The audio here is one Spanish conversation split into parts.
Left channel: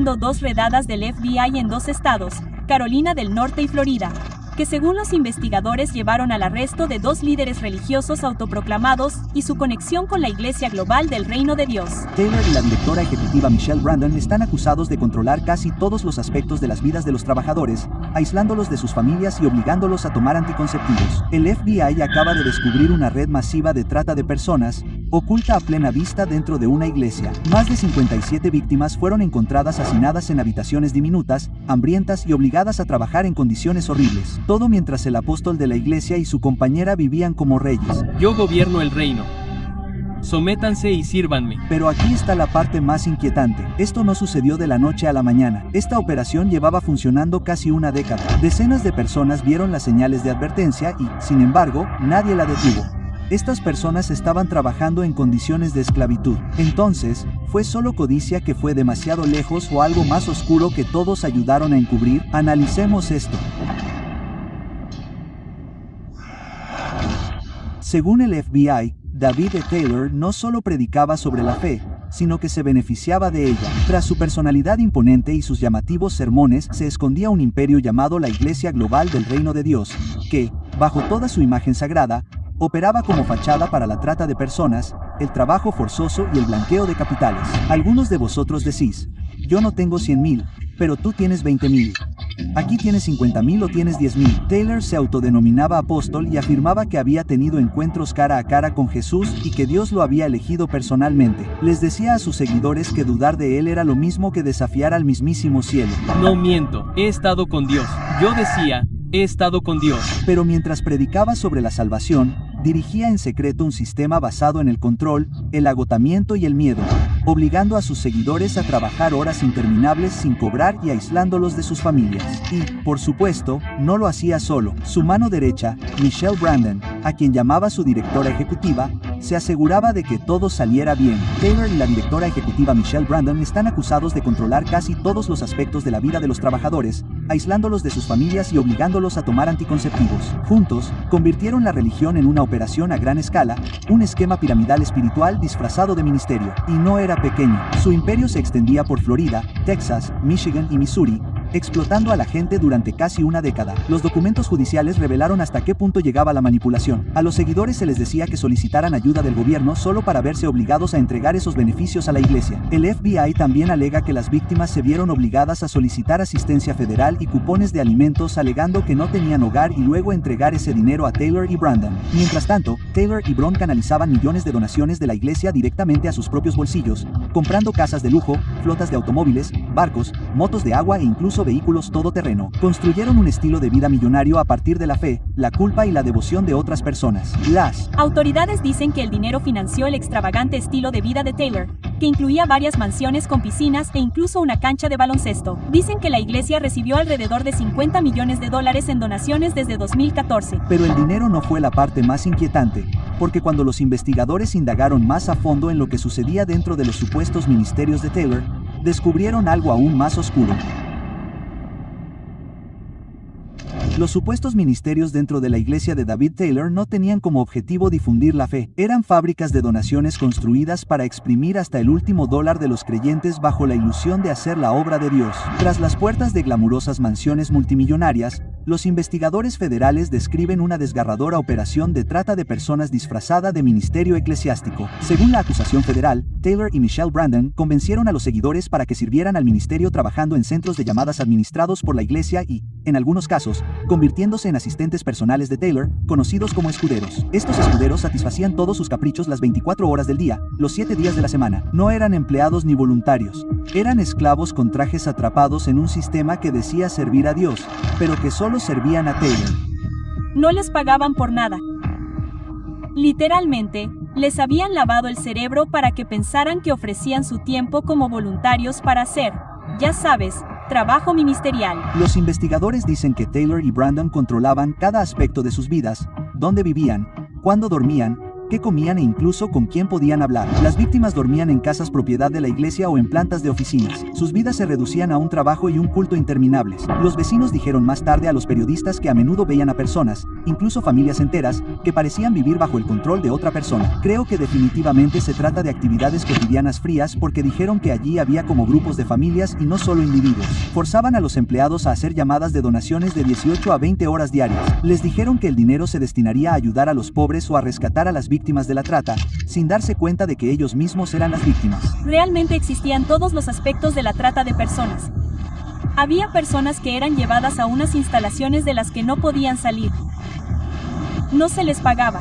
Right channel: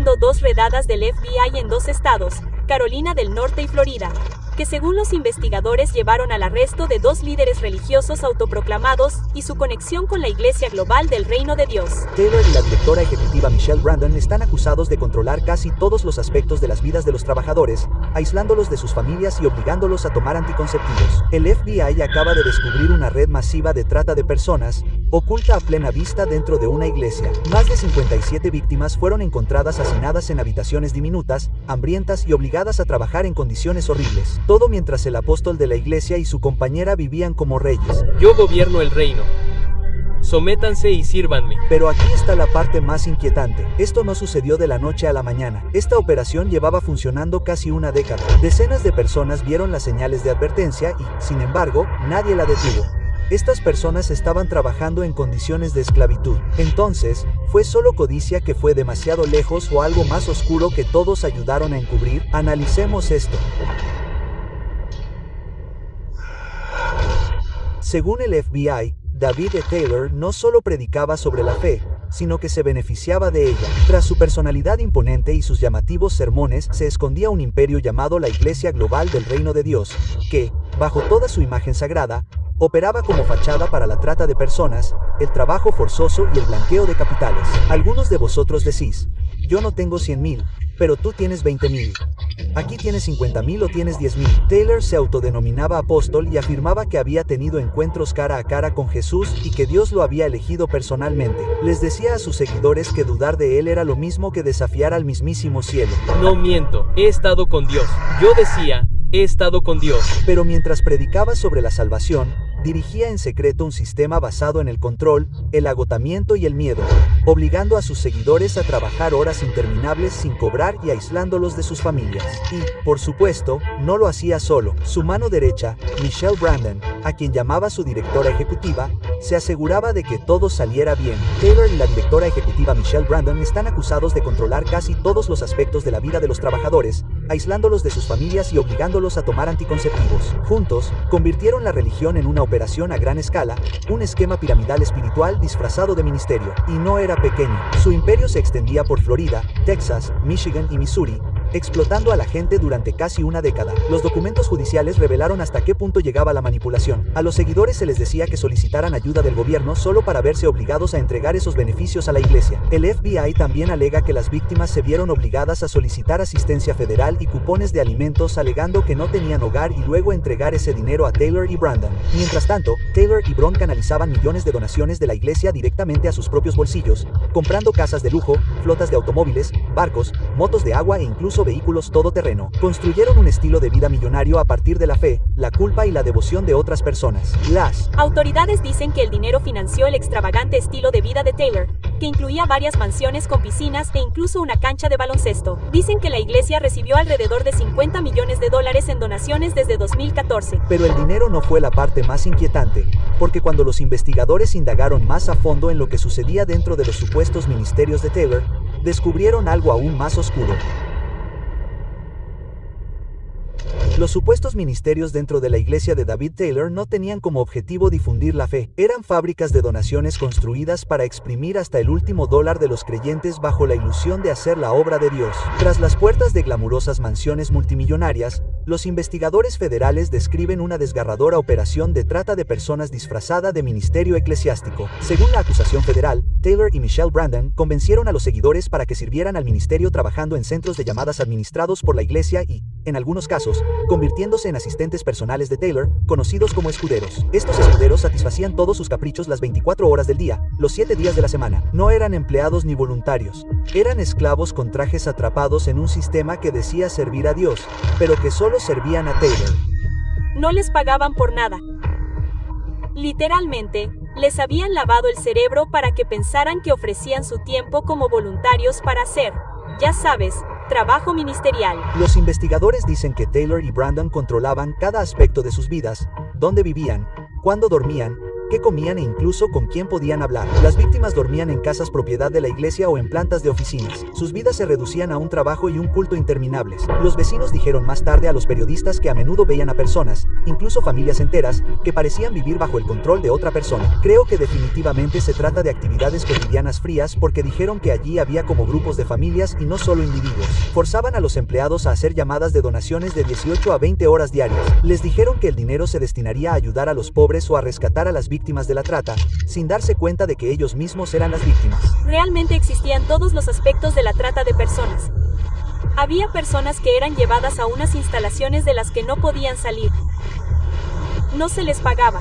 haciendo 2 redadas del FBI en 2 estados, Carolina del Norte y Florida, que según los investigadores llevaron al arresto de 2 líderes religiosos autoproclamados y su conexión con la Iglesia Global del Reino de Dios. Taylor y la directora ejecutiva Michelle Brandon están acusados de controlar casi todos los aspectos de las vidas de los trabajadores, aislándolos de sus familias y obligándolos a tomar anticonceptivos. El FBI acaba de descubrir una red masiva de trata de personas, oculta a plena vista dentro de una iglesia. Más de 57 víctimas fueron encontradas hacinadas en habitaciones diminutas, hambrientas y obligadas a trabajar en condiciones horribles. Todo mientras el apóstol de la iglesia y su compañera vivían como reyes. Yo gobierno el reino. Sométanse y sírvanme. Pero aquí está la parte más inquietante. Esto no sucedió de la noche a la mañana. Esta operación llevaba funcionando casi una década. Decenas de personas vieron las señales de advertencia y, sin embargo, nadie la detuvo. Estas personas estaban trabajando en condiciones de esclavitud. Entonces, ¿fue solo codicia que fue demasiado lejos o algo más oscuro que todos ayudaron a encubrir? Analicemos esto. Según el FBI, David E. Taylor no solo predicaba sobre la fe, sino que se beneficiaba de ella. Tras su personalidad imponente y sus llamativos sermones, se escondía un imperio llamado la Iglesia Global del Reino de Dios, que, bajo toda su imagen sagrada, operaba como fachada para la trata de personas, el trabajo forzoso y el blanqueo de capitales. Algunos de vosotros decís, yo no tengo 100,000, pero tú tienes 20,000. Aquí tienes 50,000 o tienes 10,000. Taylor se autodenominaba apóstol y afirmaba que había tenido encuentros cara a cara con Jesús y que Dios lo había elegido personalmente. Les decía a sus seguidores que dudar de él era lo mismo que desafiar al mismísimo cielo. No miento, he estado con Dios. Yo decía, he estado con Dios. Pero mientras predicaba sobre la salvación, dirigía en secreto un sistema basado en el control, el agotamiento y el miedo, obligando a sus seguidores a trabajar horas interminables sin cobrar y aislándolos de sus familias. Y, por supuesto, no lo hacía solo. Su mano derecha, Michelle Brandon, a quien llamaba su directora ejecutiva, se aseguraba de que todo saliera bien. Taylor y la directora ejecutiva Michelle Brandon están acusados de controlar casi todos los aspectos de la vida de los trabajadores, aislándolos de sus familias y obligándolos a tomar anticonceptivos. Juntos, convirtieron la religión en una operación a gran escala, un esquema piramidal espiritual disfrazado de ministerio. Y no era pequeño. Su imperio se extendía por Florida, Texas, Michigan y Missouri, explotando a la gente durante casi una década. Los documentos judiciales revelaron hasta qué punto llegaba la manipulación. A los seguidores se les decía que solicitaran ayuda del gobierno solo para verse obligados a entregar esos beneficios a la iglesia. El FBI también alega que las víctimas se vieron obligadas a solicitar asistencia federal y cupones de alimentos alegando que no tenían hogar y luego entregar ese dinero a Taylor y Brandon. Mientras tanto, Taylor y Bron canalizaban millones de donaciones de la iglesia directamente a sus propios bolsillos, comprando casas de lujo, flotas de automóviles, barcos, motos de agua e incluso vehículos todoterreno. Construyeron un estilo de vida millonario a partir de la fe, la culpa y la devoción de otras personas. Las autoridades dicen que el dinero financió el extravagante estilo de vida de Taylor, que incluía varias mansiones con piscinas e incluso una cancha de baloncesto. Dicen que la iglesia recibió alrededor de $50 millones en donaciones desde 2014. Pero el dinero no fue la parte más inquietante, porque cuando los investigadores indagaron más a fondo en lo que sucedía dentro de los supuestos ministerios de Taylor, descubrieron algo aún más oscuro. Los supuestos ministerios dentro de la iglesia de David Taylor no tenían como objetivo difundir la fe. Eran fábricas de donaciones construidas para exprimir hasta el último dólar de los creyentes bajo la ilusión de hacer la obra de Dios. Tras las puertas de glamurosas mansiones multimillonarias, los investigadores federales describen una desgarradora operación de trata de personas disfrazada de ministerio eclesiástico. Según la acusación federal, Taylor y Michelle Brandon convencieron a los seguidores para que sirvieran al ministerio trabajando en centros de llamadas administrados por la iglesia y, en algunos casos, convirtiéndose en asistentes personales de Taylor, conocidos como escuderos. Estos escuderos satisfacían todos sus caprichos las 24 horas del día, los 7 días de la semana. No eran empleados ni voluntarios. Eran esclavos con trajes atrapados en un sistema que decía servir a Dios, pero que solo servían a Taylor. No les pagaban por nada. Literalmente, les habían lavado el cerebro para que pensaran que ofrecían su tiempo como voluntarios para hacer, ya sabes, trabajo ministerial. Los investigadores dicen que Taylor y Brandon controlaban cada aspecto de sus vidas, dónde vivían, cuándo dormían, qué comían e incluso con quién podían hablar. Las víctimas dormían en casas propiedad de la iglesia o en plantas de oficinas. Sus vidas se reducían a un trabajo y un culto interminables. Los vecinos dijeron más tarde a los periodistas que a menudo veían a personas, incluso familias enteras, que parecían vivir bajo el control de otra persona. Creo que definitivamente se trata de actividades cotidianas frías porque dijeron que allí había como grupos de familias y no solo individuos. Forzaban a los empleados a hacer llamadas de donaciones de 18 a 20 horas diarias. Les dijeron que el dinero se destinaría a ayudar a los pobres o a rescatar a las víctimas de la trata, sin darse cuenta de que ellos mismos eran las víctimas. Realmente existían todos los aspectos de la trata de personas. Había personas que eran llevadas a unas instalaciones de las que no podían salir. No se les pagaba.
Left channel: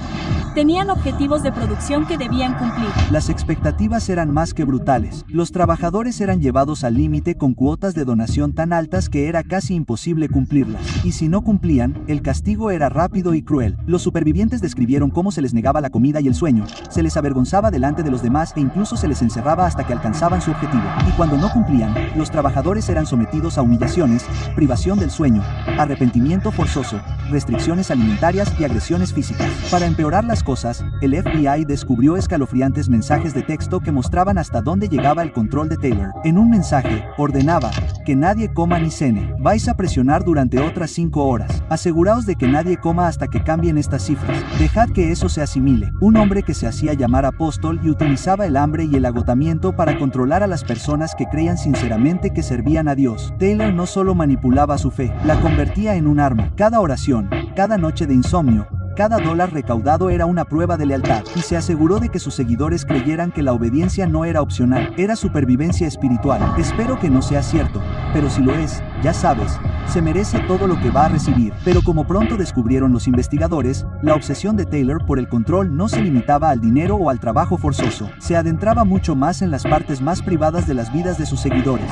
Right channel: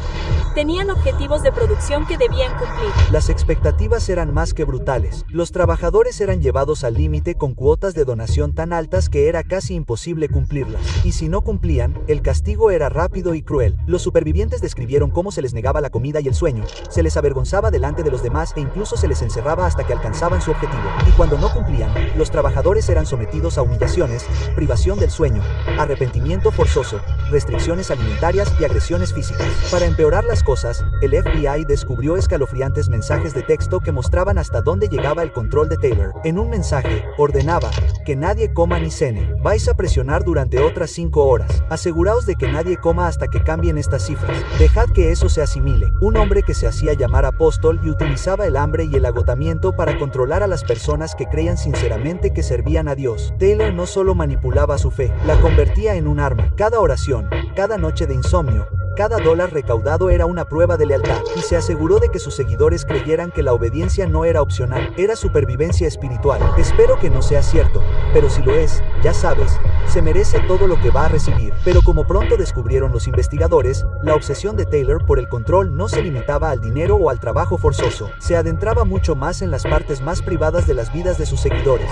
Tenían objetivos de producción que debían cumplir. Las expectativas eran más que brutales. Los trabajadores eran llevados al límite con cuotas de donación tan altas que era casi imposible cumplirlas. Y si no cumplían, el castigo era rápido y cruel. Los supervivientes describieron cómo se les negaba la comida y el sueño, se les avergonzaba delante de los demás e incluso se les encerraba hasta que alcanzaban su objetivo. Y cuando no cumplían, los trabajadores eran sometidos a humillaciones, privación del sueño, arrepentimiento forzoso, restricciones alimentarias y agresiones físicas. Para empeorar las cosas, el FBI descubrió escalofriantes mensajes de texto que mostraban hasta dónde llegaba el control de Taylor. En un mensaje, ordenaba que nadie coma ni cene. Vais a presionar durante otras 5 horas. Aseguraos de que nadie coma hasta que cambien estas cifras. Dejad que eso se asimile. Un hombre que se hacía llamar apóstol y utilizaba el hambre y el agotamiento para controlar a las personas que creían sinceramente que servían a Dios. Taylor no solo manipulaba su fe, la convertía en un arma. Cada oración, cada noche de insomnio, cada dólar recaudado era una prueba de lealtad, y se aseguró de que sus seguidores creyeran que la obediencia no era opcional, era supervivencia espiritual. Espero que no sea cierto, pero si lo es, ya sabes, se merece todo lo que va a recibir. Pero como pronto descubrieron los investigadores, la obsesión de Taylor por el control no se limitaba al dinero o al trabajo forzoso, se adentraba mucho más en las partes más privadas de las vidas de sus seguidores.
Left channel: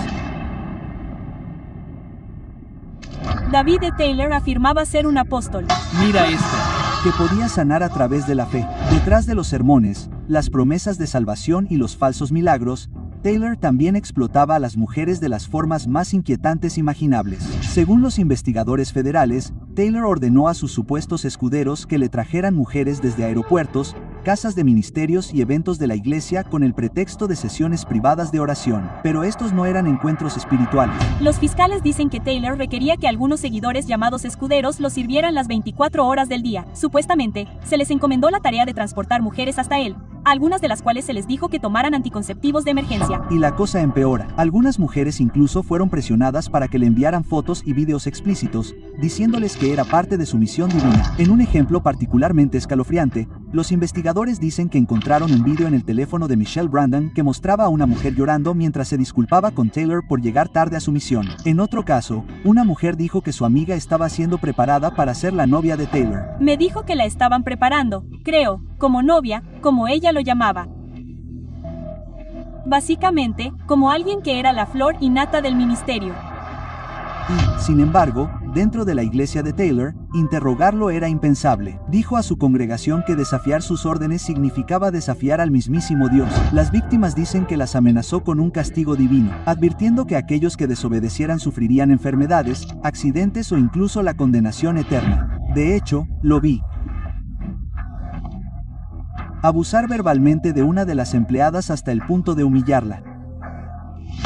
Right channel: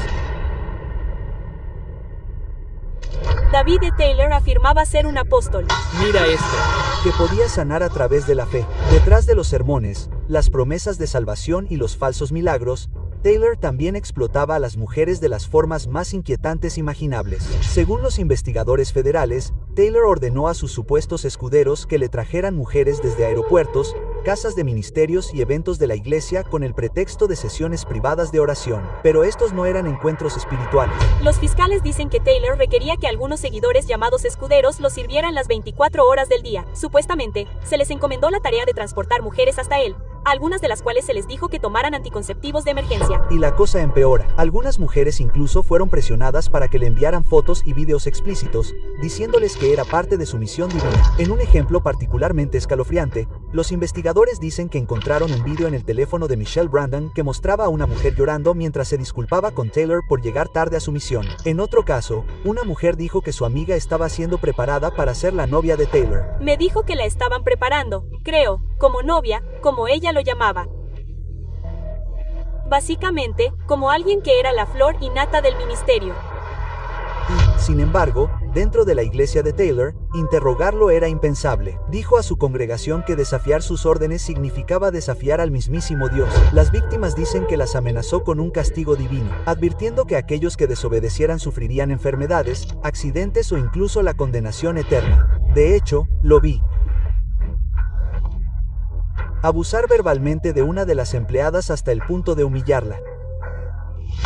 David E. Taylor afirmaba ser un apóstol. Mira esto. Que podía sanar a través de la fe. Detrás de los sermones, las promesas de salvación y los falsos milagros, Taylor también explotaba a las mujeres de las formas más inquietantes imaginables. Según los investigadores federales, Taylor ordenó a sus supuestos escuderos que le trajeran mujeres desde aeropuertos, casas de ministerios y eventos de la iglesia con el pretexto de sesiones privadas de oración. Pero estos no eran encuentros espirituales. Los fiscales dicen que Taylor requería que algunos seguidores llamados escuderos lo sirvieran las 24 horas del día. Supuestamente, se les encomendó la tarea de transportar mujeres hasta él, algunas de las cuales se les dijo que tomaran anticonceptivos de emergencia. Y la cosa empeora. Algunas mujeres incluso fueron presionadas para que le enviaran fotos y videos explícitos, diciéndoles que era parte de su misión divina. En un ejemplo particularmente escalofriante, los investigadores dicen que encontraron un video en el teléfono de Michelle Brandon que mostraba a una mujer llorando mientras se disculpaba con Taylor por llegar tarde a su misión. En otro caso, una mujer dijo que su amiga estaba siendo preparada para ser la novia de Taylor. Me dijo que la estaban preparando, creo, como novia, como ella lo llamaba. Básicamente, como alguien que era la flor y nata del ministerio. Y, sin embargo, dentro de la iglesia de Taylor, interrogarlo era impensable. Dijo a su congregación que desafiar sus órdenes significaba desafiar al mismísimo Dios. Las víctimas dicen que las amenazó con un castigo divino, advirtiendo que aquellos que desobedecieran sufrirían enfermedades, accidentes o incluso la condenación eterna. De hecho, lo vi. Abusar verbalmente de una de las empleadas hasta el punto de humillarla.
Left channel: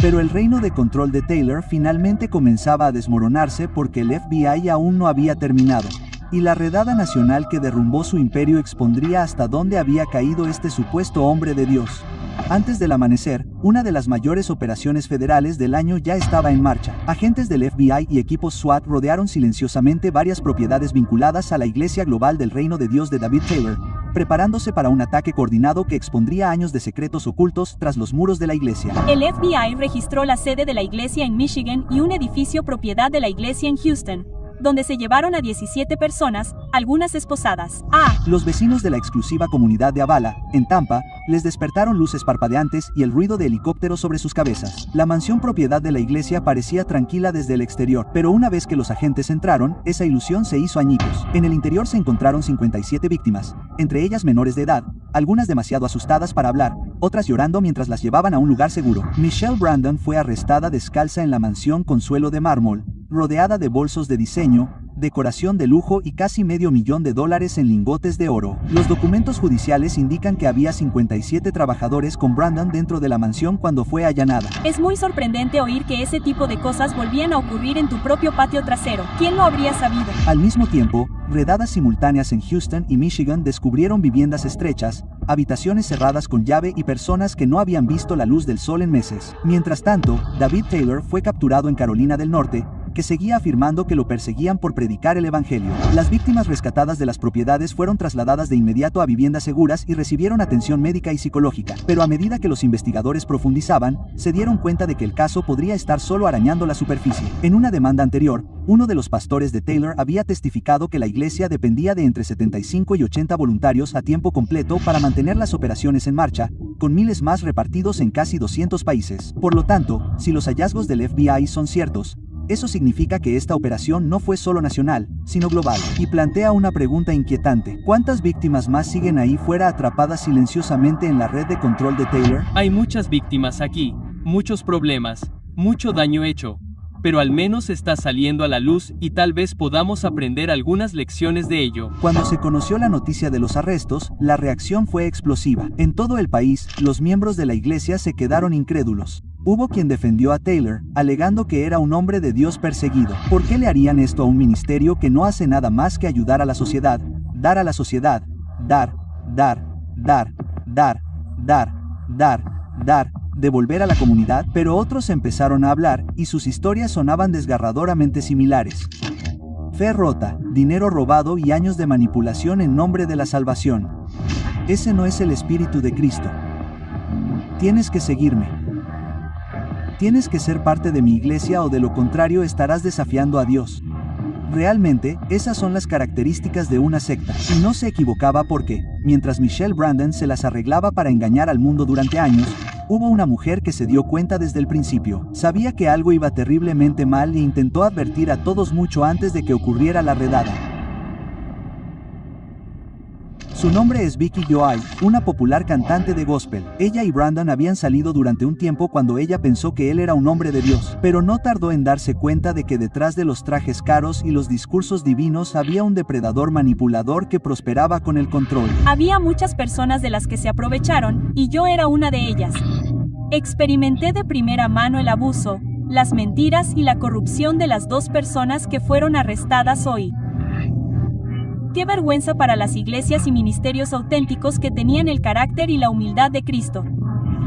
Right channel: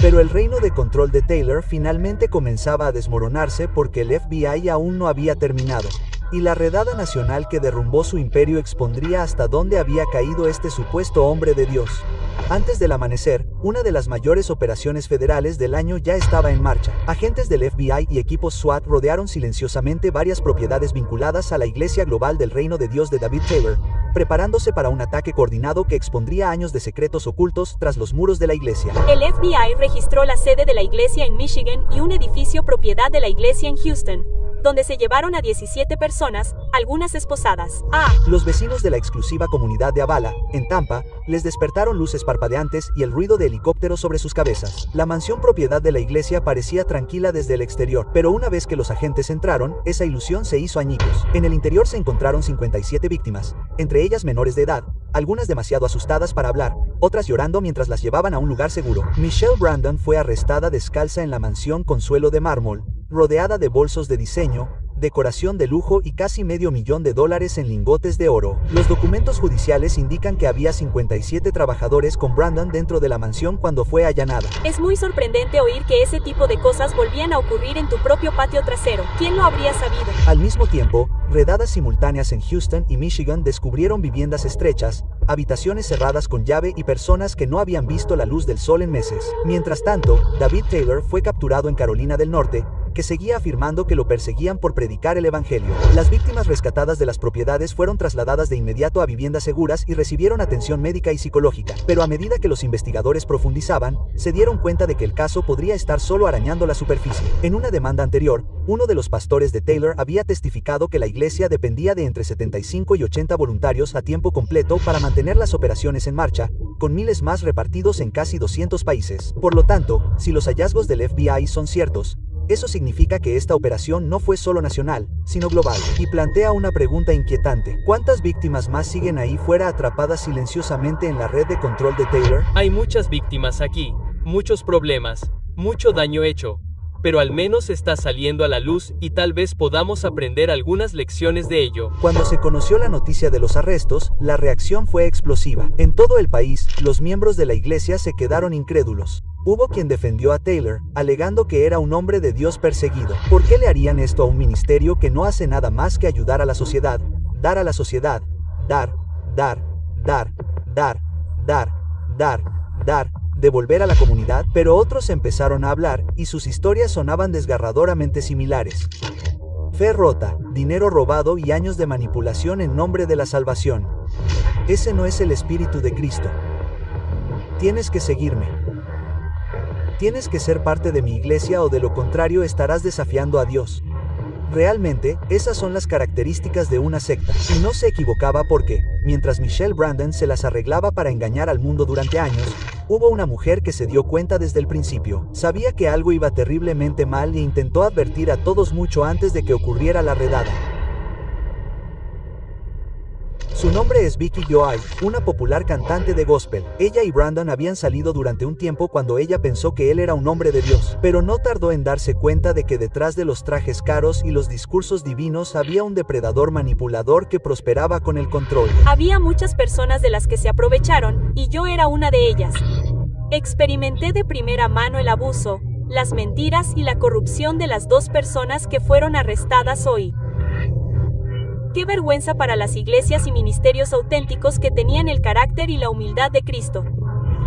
Pero el reino de control de Taylor finalmente comenzaba a desmoronarse porque el FBI aún no había terminado, y la redada nacional que derrumbó su imperio expondría hasta dónde había caído este supuesto hombre de Dios. Antes del amanecer, una de las mayores operaciones federales del año ya estaba en marcha. Agentes del FBI y equipos SWAT rodearon silenciosamente varias propiedades vinculadas a la Iglesia Global del Reino de Dios de David Taylor, preparándose para un ataque coordinado que expondría años de secretos ocultos tras los muros de la iglesia. El FBI registró la sede de la iglesia en Michigan y un edificio propiedad de la iglesia en Houston, donde se llevaron a 17 personas, algunas esposadas. Los vecinos de la exclusiva comunidad de Avala, en Tampa, les despertaron luces parpadeantes y el ruido de helicópteros sobre sus cabezas. La mansión propiedad de la iglesia parecía tranquila desde el exterior, pero una vez que los agentes entraron, esa ilusión se hizo añicos. En el interior se encontraron 57 víctimas, entre ellas menores de edad, algunas demasiado asustadas para hablar, otras llorando mientras las llevaban a un lugar seguro. Michelle Brandon fue arrestada descalza en la mansión con suelo de mármol, rodeada de bolsos de diseño, decoración de lujo y casi $500,000 en lingotes de oro. Los documentos judiciales indican que había 57 trabajadores con Brandon dentro de la mansión cuando fue allanada. Es muy sorprendente oír que ese tipo de cosas volvían a ocurrir en tu propio patio trasero. ¿Quién lo habría sabido? Al mismo tiempo, redadas simultáneas en Houston y Michigan descubrieron viviendas estrechas, habitaciones cerradas con llave y personas que no habían visto la luz del sol en meses. Mientras tanto, David Taylor fue capturado en Carolina del Norte, que seguía afirmando que lo perseguían por predicar el evangelio. Las víctimas rescatadas de las propiedades fueron trasladadas de inmediato a viviendas seguras y recibieron atención médica y psicológica, pero a medida que los investigadores profundizaban, se dieron cuenta de que el caso podría estar solo arañando la superficie. En una demanda anterior, uno de los pastores de Taylor había testificado que la iglesia dependía de entre 75 y 80 voluntarios a tiempo completo para mantener las operaciones en marcha, con miles más repartidos en casi 200 países. Por lo tanto, si los hallazgos del FBI son ciertos, eso significa que esta operación no fue solo nacional, sino global, y plantea una pregunta inquietante. ¿Cuántas víctimas más siguen ahí fuera atrapadas silenciosamente en la red de control de Taylor? Hay muchas víctimas aquí, muchos problemas, mucho daño hecho, pero al menos está saliendo a la luz y tal vez podamos aprender algunas lecciones de ello. Cuando se conoció la noticia de los arrestos, la reacción fue explosiva. En todo el país, los miembros de la iglesia se quedaron incrédulos. Hubo quien defendió a Taylor, alegando que era un hombre de Dios perseguido. ¿Por qué le harían esto a un ministerio que no hace nada más que ayudar a la sociedad, dar a la sociedad, dar, devolver a la comunidad? Pero otros empezaron a hablar, y sus historias sonaban desgarradoramente similares. Fe rota, dinero robado y años de manipulación en nombre de la salvación. Ese no es el espíritu de Cristo. Tienes que seguirme. Tienes que ser parte de mi iglesia o de lo contrario estarás desafiando a Dios. Realmente, esas son las características de una secta. Y no se equivocaba porque, mientras Michelle Brandon se las arreglaba para engañar al mundo durante años, hubo una mujer que se dio cuenta desde el principio. Sabía que algo iba terriblemente mal e intentó advertir a todos mucho antes de que ocurriera la redada. Su nombre es Vicki Joy, una popular cantante de gospel. Ella y Brandon habían salido durante un tiempo cuando ella pensó que él era un hombre de Dios, pero no tardó en darse cuenta de que detrás de los trajes caros y los discursos divinos había un depredador manipulador que prosperaba con el control. Había muchas personas de las que se aprovecharon, y yo era una de ellas. Experimenté de primera mano el abuso, las mentiras y la corrupción de las dos personas que fueron arrestadas hoy. Qué vergüenza para las iglesias y ministerios auténticos que tenían el carácter y la humildad de Cristo.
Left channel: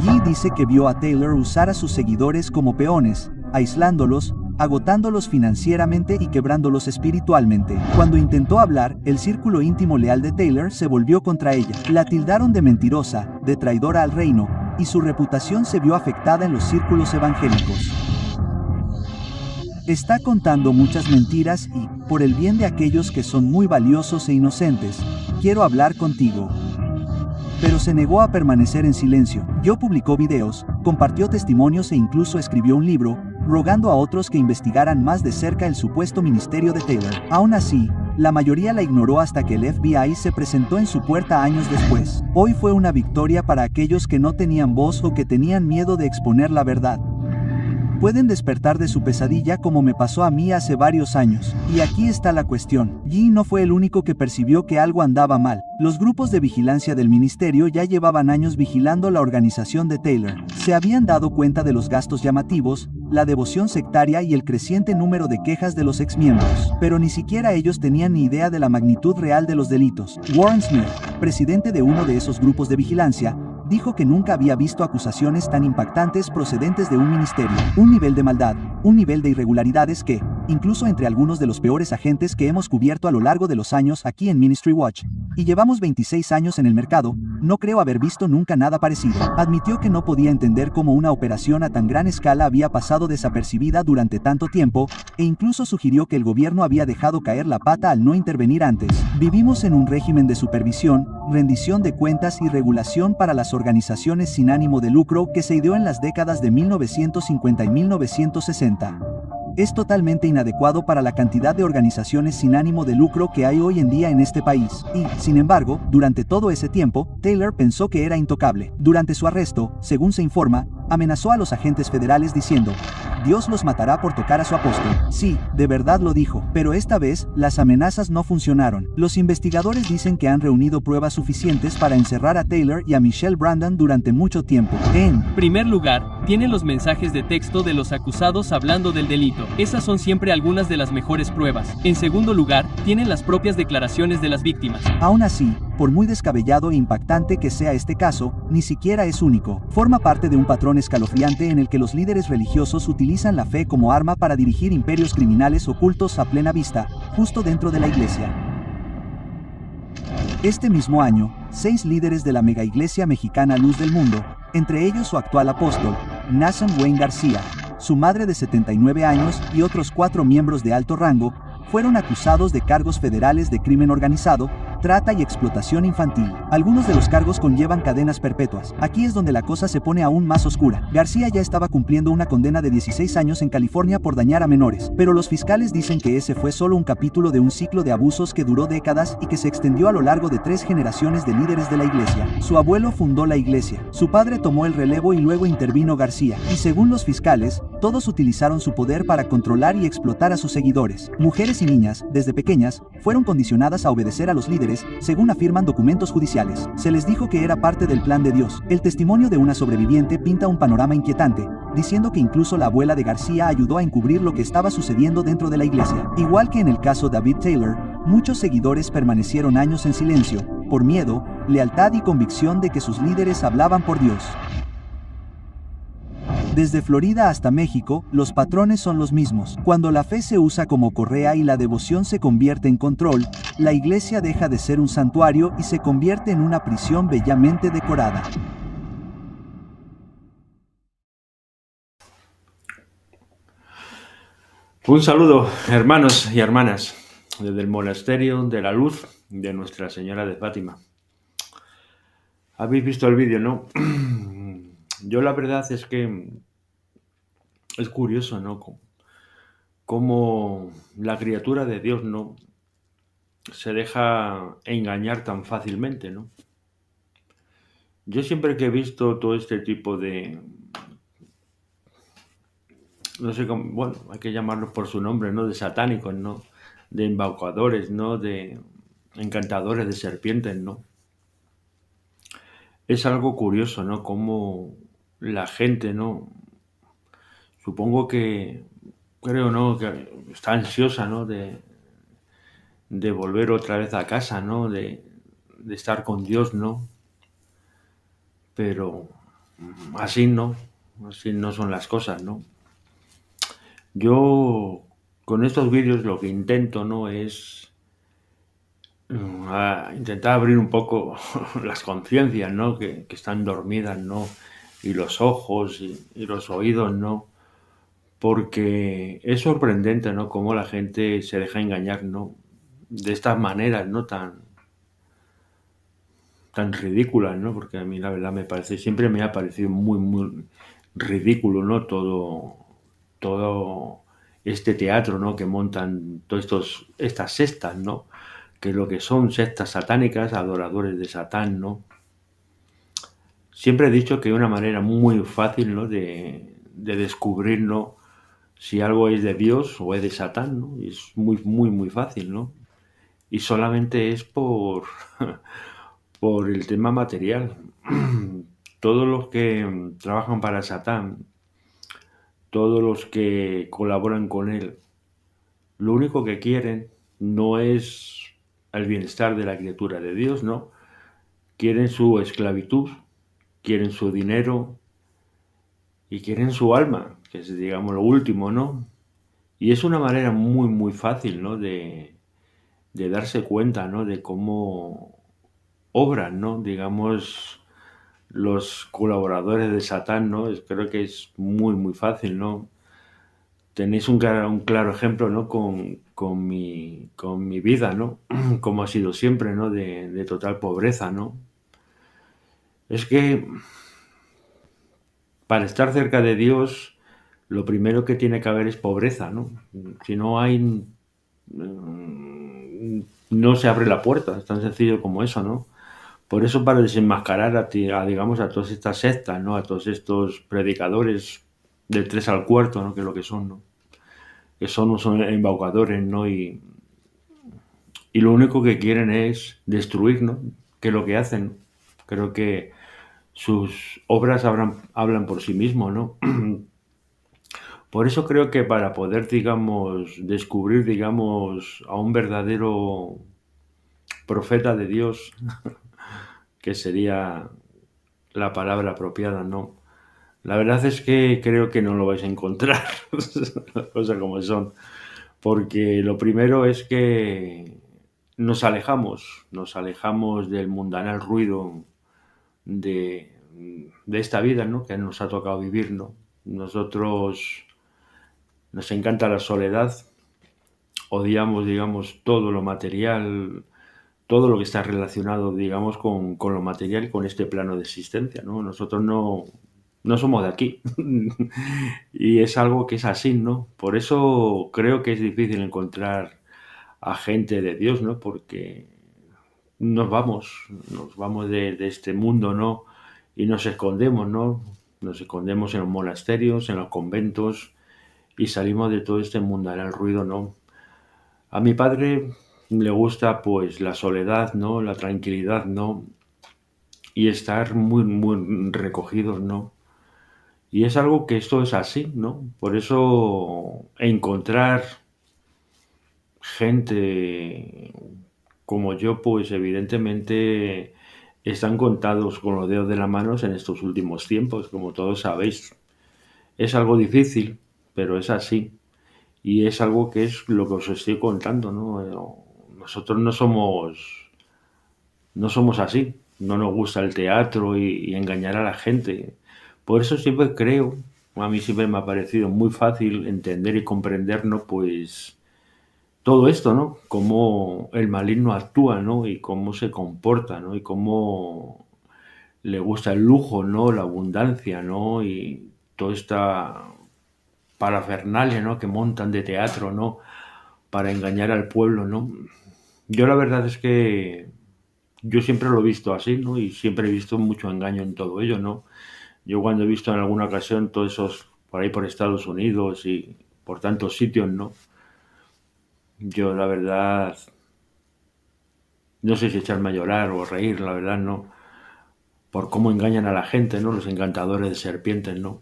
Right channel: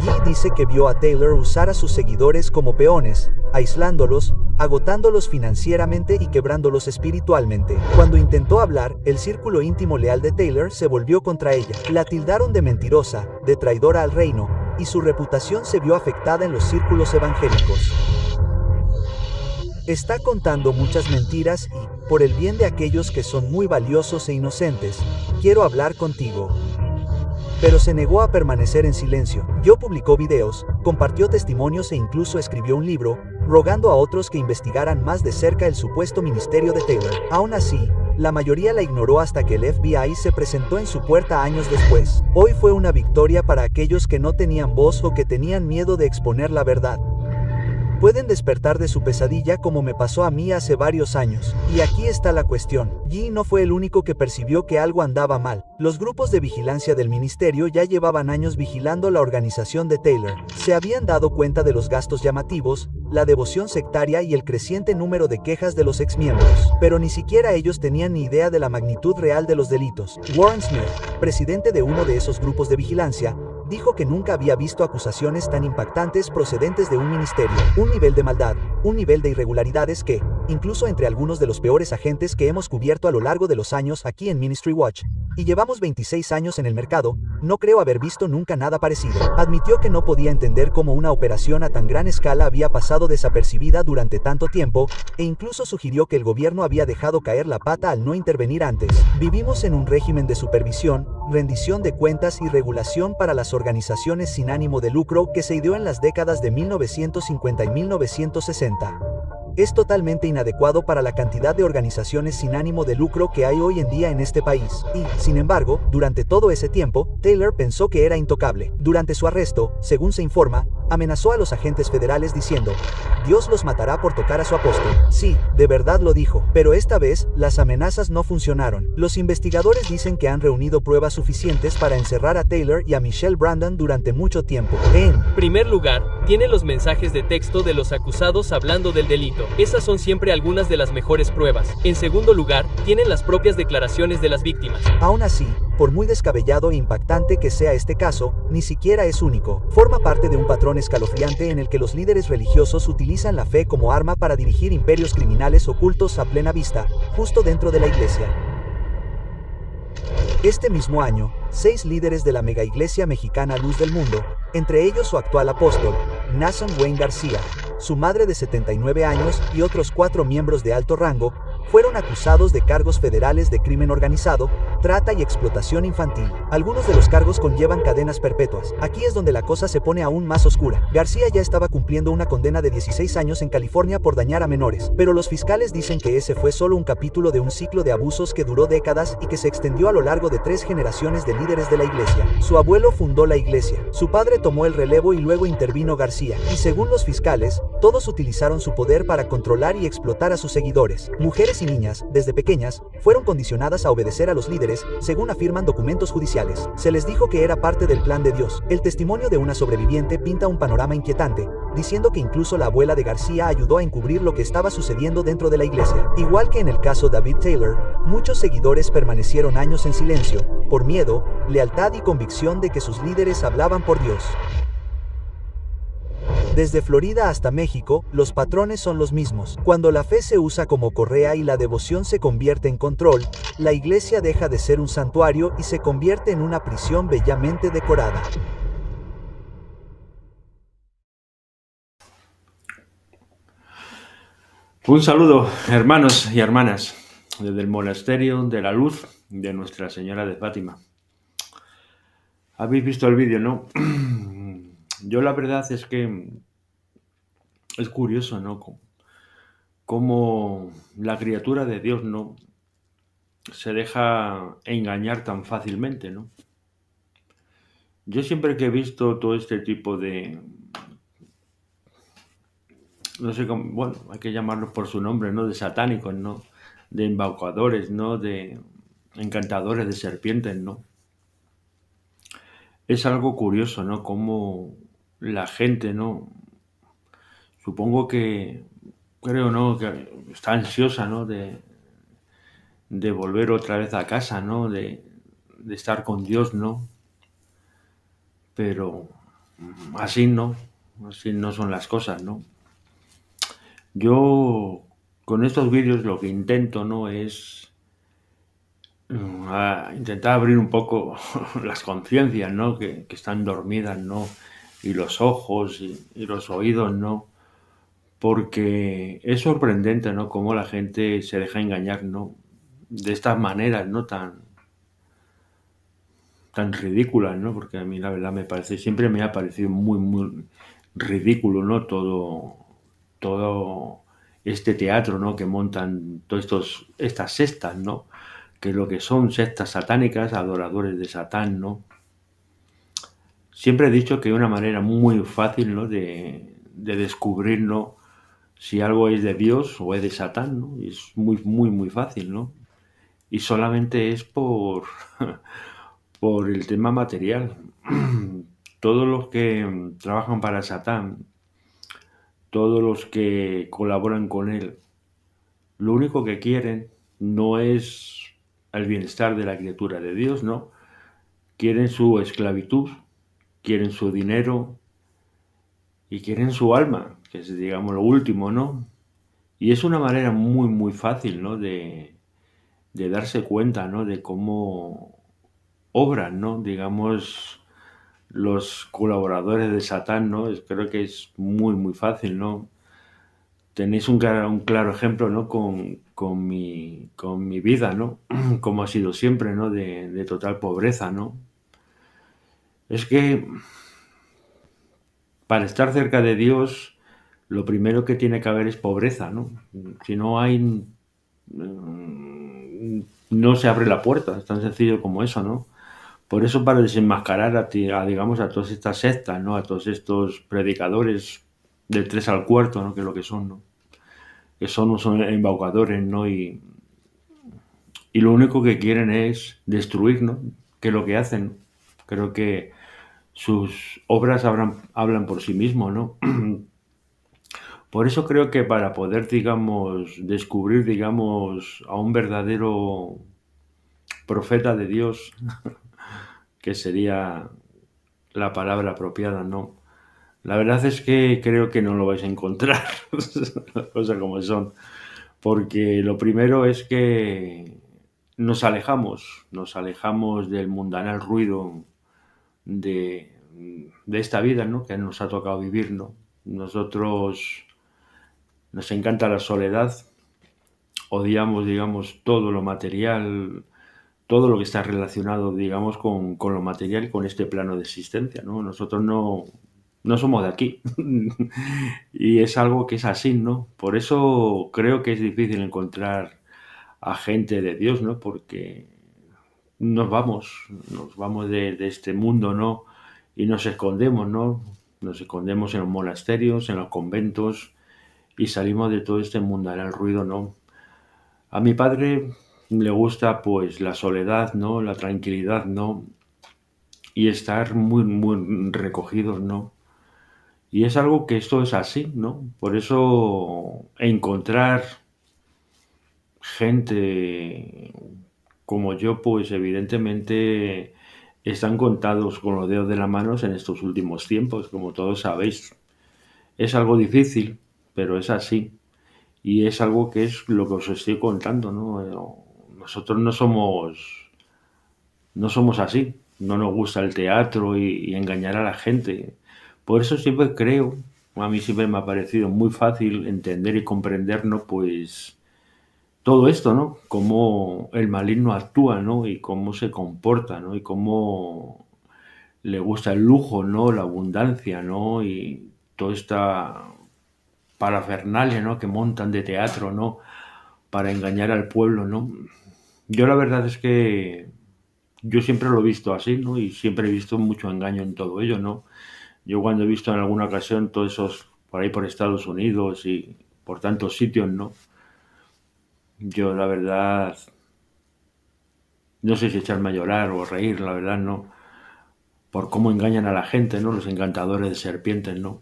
Yi dice que vio a Taylor usar a sus seguidores como peones, aislándolos, agotándolos financieramente y quebrándolos espiritualmente. Cuando intentó hablar, el círculo íntimo leal de Taylor se volvió contra ella. La tildaron de mentirosa, de traidora al reino, y su reputación se vio afectada en los círculos evangélicos. Está contando muchas mentiras y, por el bien de aquellos que son muy valiosos e inocentes, quiero hablar contigo. Pero se negó a permanecer en silencio. Yo publicó videos, compartió testimonios e incluso escribió un libro, rogando a otros que investigaran más de cerca el supuesto ministerio de Taylor. Aún así, la mayoría la ignoró hasta que el FBI se presentó en su puerta años después. Hoy fue una victoria para aquellos que no tenían voz o que tenían miedo de exponer la verdad. Pueden despertar de su pesadilla como me pasó a mí hace varios años. Y aquí está la cuestión. Yi no fue el único que percibió que algo andaba mal. Los grupos de vigilancia del ministerio ya llevaban años vigilando la organización de Taylor. Se habían dado cuenta de los gastos llamativos, la devoción sectaria y el creciente número de quejas de los exmiembros. Pero ni siquiera ellos tenían ni idea de la magnitud real de los delitos. Warren Smith, presidente de uno de esos grupos de vigilancia, dijo que nunca había visto acusaciones tan impactantes procedentes de un ministerio. Un nivel de maldad, un nivel de irregularidades que, incluso entre algunos de los peores agentes que hemos cubierto a lo largo de los años aquí en Ministry Watch, y llevamos 26 años en el mercado, no creo haber visto nunca nada parecido. Admitió que no podía entender cómo una operación a tan gran escala había pasado desapercibida durante tanto tiempo, e incluso sugirió que el gobierno había dejado caer la pata al no intervenir antes. Vivimos en un régimen de supervisión, rendición de cuentas y regulación para las organizaciones sin ánimo de lucro que se ideó en las décadas de 1950 y 1960. Es totalmente inadecuado para la cantidad de organizaciones sin ánimo de lucro que hay hoy en día en este país, y, sin embargo, durante todo ese tiempo, Taylor pensó que era intocable. Durante su arresto, según se informa, Amenazó a los agentes federales diciendo, Dios los matará por tocar a su apóstol. Sí, de verdad lo dijo, pero esta vez, las amenazas no funcionaron. Los investigadores dicen que han reunido pruebas suficientes para encerrar a Taylor y a Michelle Brandon durante mucho tiempo. En primer lugar, tienen los mensajes de texto de los acusados hablando del delito. Esas son siempre algunas de las mejores pruebas. En segundo lugar, tienen las propias declaraciones de las víctimas. Aún así, por muy descabellado e impactante que sea este caso, ni siquiera es único. Forma parte de un patrón escalofriante en el que los líderes religiosos utilizan la fe como arma para dirigir imperios criminales ocultos a plena vista, justo dentro de la iglesia. Este mismo año, 6 líderes de la megaiglesia mexicana Luz del Mundo, entre ellos su actual apóstol, Nathan Wayne García, su madre de 79 años y otros 4 miembros de alto rango, fueron acusados de cargos federales de crimen organizado, trata y explotación infantil. Algunos de los cargos conllevan cadenas perpetuas. Aquí es donde la cosa se pone aún más oscura. García ya estaba cumpliendo una condena de 16 años en California por dañar a menores, pero los fiscales dicen que ese fue solo un capítulo de un ciclo de abusos que duró décadas y que se extendió a lo largo de 3 generaciones de líderes de la iglesia. Su abuelo fundó la iglesia, su padre tomó el relevo y luego intervino García, y según los fiscales, todos utilizaron su poder para controlar y explotar a sus seguidores. Mujeres y niñas, desde pequeñas, fueron condicionadas a obedecer a los líderes, según afirman documentos judiciales. Se les dijo que era parte del plan de Dios. El testimonio de una sobreviviente pinta un panorama inquietante, diciendo que incluso la abuela de García ayudó a encubrir lo que estaba sucediendo dentro de la iglesia. Igual que en el caso David Taylor, muchos seguidores permanecieron años en silencio, por miedo, lealtad y convicción de que sus líderes hablaban por Dios. Desde Florida hasta México, los patrones son los mismos. Cuando la fe se usa como correa y la devoción se convierte en control, la iglesia deja de ser un santuario y se convierte en una prisión bellamente decorada. Un saludo, hermanos y hermanas, desde el Monasterio de la Luz de Nuestra Señora de Fátima. ¿Habéis visto el vídeo, no? Yo la verdad es que es curioso, ¿no? Cómo la criatura de Dios, ¿no?, se deja engañar tan fácilmente, ¿no? Yo siempre que he visto todo este tipo de, no sé cómo, bueno, hay que llamarlos por su nombre, ¿no?, de satánicos, ¿no?, de embaucadores, ¿no?, de encantadores de serpientes, ¿no? Es algo curioso, ¿no?, cómo la gente, ¿no?, supongo que, creo, ¿no?, que está ansiosa, ¿no?, de volver otra vez a casa, ¿no?, de estar con Dios, ¿no? Pero así no son las cosas, ¿no? Yo con estos vídeos lo que intento, ¿no?, es intentar abrir un poco las conciencias, ¿no?, que están dormidas, ¿no?, y los ojos y los oídos, ¿no? Porque es sorprendente, ¿no?, cómo la gente se deja engañar, ¿no?, de estas maneras, ¿no?, tan ridículas, ¿no? Porque a mí la verdad siempre me ha parecido muy, muy ridículo, ¿no?, todo este teatro, ¿no?, que montan todas estas sectas, ¿no?, que lo que son sectas satánicas, adoradores de Satán, ¿no? Siempre he dicho que hay una manera muy fácil, ¿no?, de descubrir, ¿no?, si algo es de Dios o es de Satán, ¿no? Y es muy, muy, muy fácil, ¿no? Y solamente es por el tema material. Todos los que trabajan para Satán, todos los que colaboran con él, lo único que quieren no es el bienestar de la criatura de Dios, ¿no? Quieren su esclavitud, quieren su dinero y quieren su alma, que es, digamos, lo último, ¿no? Y es una manera muy, muy fácil, ¿no?, de darse cuenta, ¿no?, de cómo obran, ¿no?, digamos, los colaboradores de Satán, ¿no? Creo que es muy, muy fácil, ¿no? Tenéis un claro ejemplo, ¿no?, con mi vida, ¿no? Como ha sido siempre, ¿no?, de total pobreza, ¿no? Es que para estar cerca de Dios, lo primero que tiene que haber es pobreza, ¿no? Si no hay, no se abre la puerta, es tan sencillo como eso, ¿no? Por eso, para desenmascarar digamos, a todas estas sectas, ¿no? A todos estos predicadores del 3 al cuarto, ¿no? Que es lo que son, ¿no? Que son embaucadores, ¿no? Y lo único que quieren es destruir, ¿no? Que es lo que hacen. Creo que sus obras hablan por sí mismos, ¿no? Por eso creo que para poder, digamos, descubrir, digamos, a un verdadero profeta de Dios, que sería la palabra apropiada, ¿no? La verdad es que creo que no lo vais a encontrar, las cosas como son, porque lo primero es que nos alejamos del mundanal ruido de, de esta vida, ¿no? Que nos ha tocado vivir, ¿no? Nosotros nos encanta la soledad, odiamos, digamos, todo lo material, todo lo que está relacionado, digamos, con lo material y con este plano de existencia, ¿no? Nosotros no somos de aquí. Y es algo que es así, ¿no? Por eso creo que es difícil encontrar a gente de Dios, ¿no? Porque nos vamos de este mundo, ¿no? Y nos escondemos, ¿no? Nos escondemos en los monasterios, en los conventos y salimos de todo este mundanal ruido, ¿no? A mi padre le gusta pues la soledad, ¿no? La tranquilidad, ¿no? Y estar muy, muy recogidos, ¿no? Y es algo que esto es así, ¿no? Por eso encontrar gente como yo, pues evidentemente están contados con los dedos de las manos en estos últimos tiempos, como todos sabéis. Es algo difícil, pero es así. Y es algo que es lo que os estoy contando, ¿no? Nosotros no somos así. No nos gusta el teatro y engañar a la gente. Por eso siempre creo, a mí siempre me ha parecido muy fácil entender y comprender, ¿no? Pues todo esto, ¿no? Cómo el maligno actúa, ¿no? Y cómo se comporta, ¿no? Y cómo le gusta el lujo, ¿no? La abundancia, ¿no? Y toda esta parafernalia, ¿no? Que montan de teatro, ¿no? Para engañar al pueblo, ¿no? Yo la verdad es que yo siempre lo he visto así, ¿no? Y siempre he visto mucho engaño en todo ello, ¿no? Yo cuando he visto en alguna ocasión todos esos por ahí por Estados Unidos y por tantos sitios, ¿no? Yo la verdad no sé si echarme a llorar o reír, la verdad, ¿no? Por cómo engañan a la gente, ¿no? Los encantadores de serpientes, ¿no?